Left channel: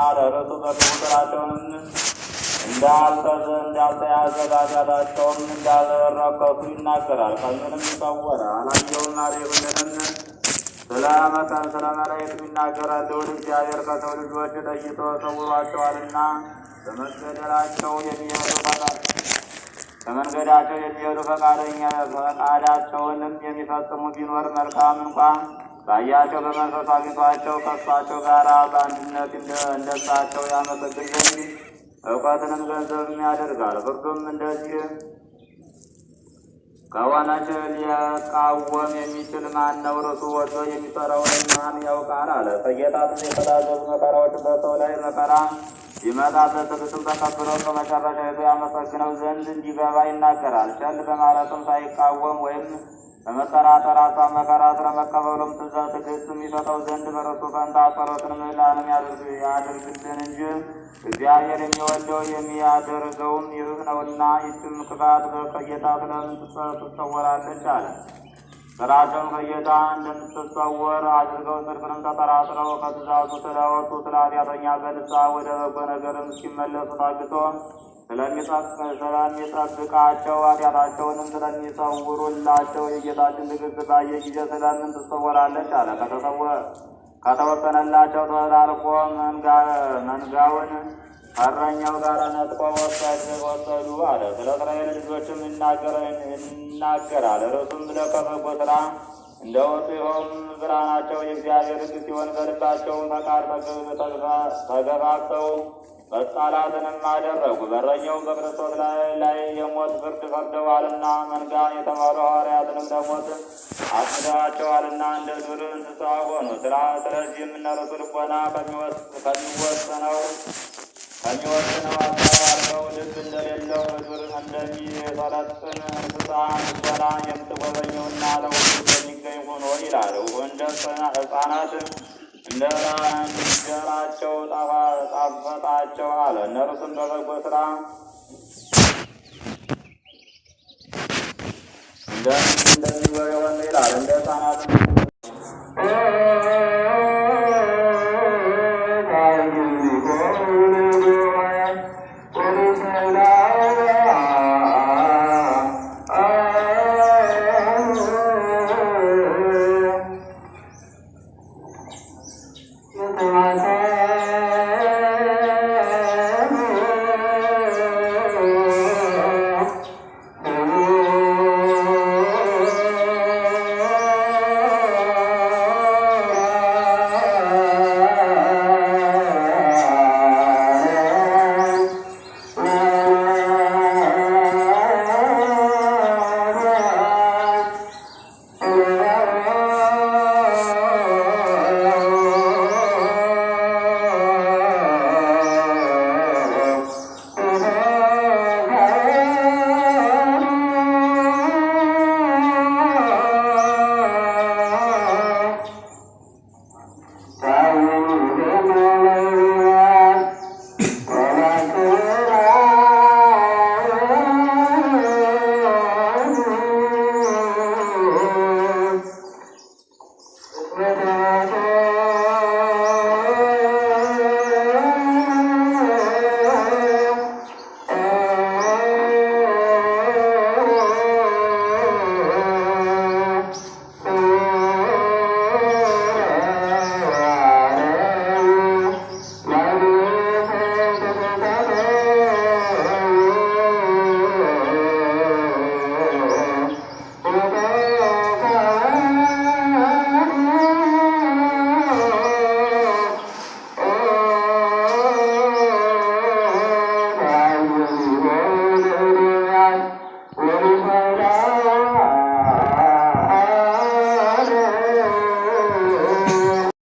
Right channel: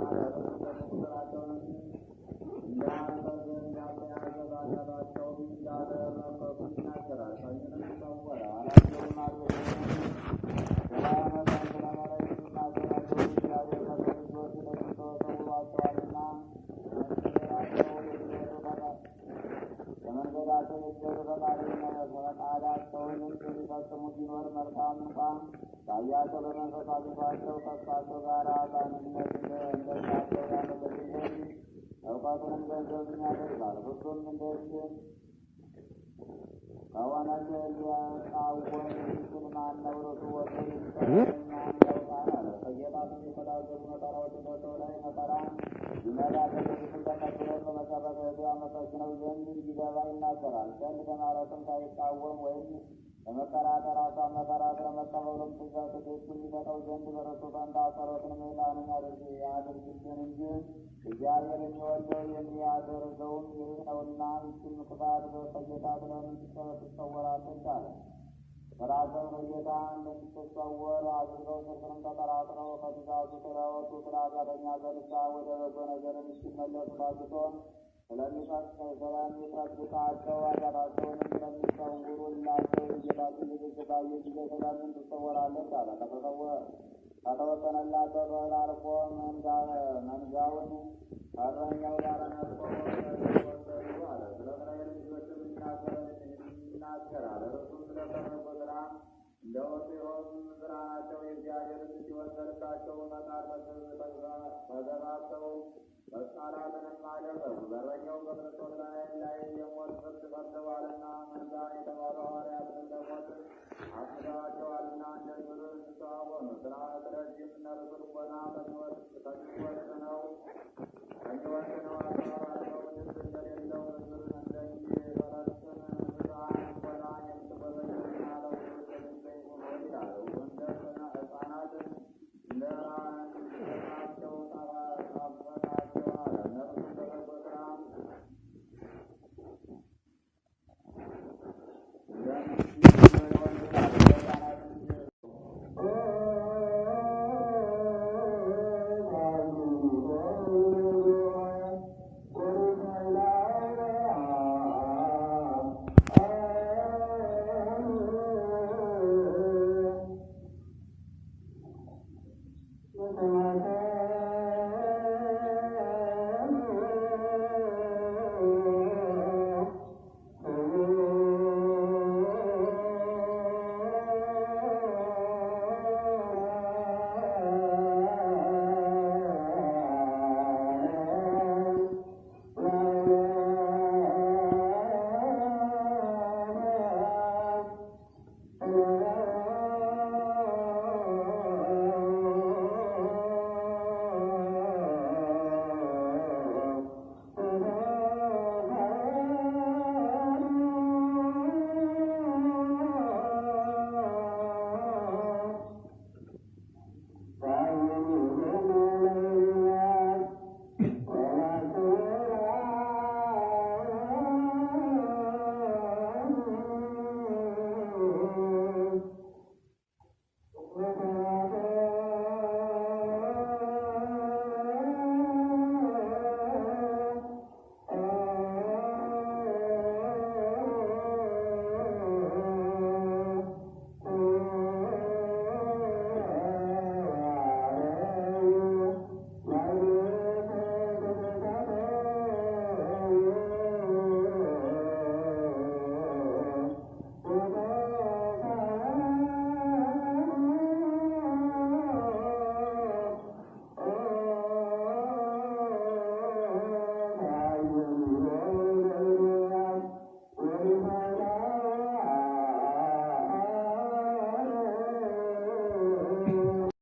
አደረሱ በቁጥራቸውንም እንዳልተያዘ ኃጢአታቸውም እንዳልረከሱ ይናገራል። ቀኙንም ይሰወረ አላየውም አልሆነንም። ስለ መላእክት ይናገራል። ልዑል እግዚአብሔር ከሰው ልጆች ለይቶ ሰውሯቸዋልና በመንገዳቸው የሚሄዱ ፈቃዳቸውንም የሚፈጽሙ ቢኖር መልካም እንኳን ባያቸው በመንፈስ አግኝቷቸው ከእሳቸው ጋር በአንድነት እንደሳቸው ያመሰግን ዘንድ እውቀትንም ገንዘብም ያደርጋል። ፍርዱም እንደዚህ ከሆነች ሊቃወም የሚችል ማን ነው? እርሱ ወዶ የሚሰራውን ማን ያውቃል አለ። ከጌታም የተታዘዙ መከራዎች በሰው ላይ መከራ ይመጣበት ትዕግስቱን ተቀብሎ በመጨረሻ ያመሰግነው ዘንድ እንዲገባ ይናገራል። ቸል በማለትም ሳይቃወም ወይም በመጠራጠር ሀሳብ መከራ ስለመቀበሉም ትዕግስት የሚሰጠው ዘንድ በረሱ ፈንታ ጸሎትን ምህላንም ያድርግልን እንጂ እግዚአብሔር የሚወደው የሚያደርገውም ይህ ነውና። ይህችም ክፋት ከጌታ ስለምን ትሰወራለች አለ። ስራቸውን ከጌታ እንደምትሰወር አድርገው ጽድቅንም ተጠራጥረው ከትእዛዙ ስለወጡ ስለ ኃጢአተኛ በንስሐ ወደ በጎ ነገርም እስኪመለሱ ታግሶ ስለሚጠብቃቸው ኃጢአታቸውንም ስለሚሰውሩላቸው የጌታችን ትዕግስት ባየ ጊዜ ስለምን ትሰወራለች አለ። ከተወሰነላቸው ተላልፎ መንጋውን እረኛው ጋር ነጥቆ ወሰዱ አለ። ስለ እስራኤል ልጆችም ይናገራል። እርሱም ለከበጎ ስራ እንደወጡ ይኸውም ብርሃናቸው የእግዚአብሔር ሕግ ሲሆን በልባቸውም ፈቃድ ተገፋፍተው መጣላትንም አደረጉ። በእረኛውም በክርስቶስ ላይ የሞት ፍርድ ፈርደዋልና መንጋን የተማሩ ሐዋርያትንም ለሞት አስምደዋቸዋልና እንደ ዱር እንስሳ ሆኑ። ስለዚህም እነርሱ ልቦና ከሚወስነው ሀሳብ አድርገው ልብ እንደሌለው በዱር እንደሚሰለጥን እንስሳ ልቦና የምትጎበኘውና ለሁሉ እንደሚገኝ ሆኖ ይላል። እንደ ሕፃናት እንደ እንጀራቸው ጣፈጣቸው አለ። እነርሱም በበጎ ስራ እንደሚሆን ይላል። እንደ ሕፃናት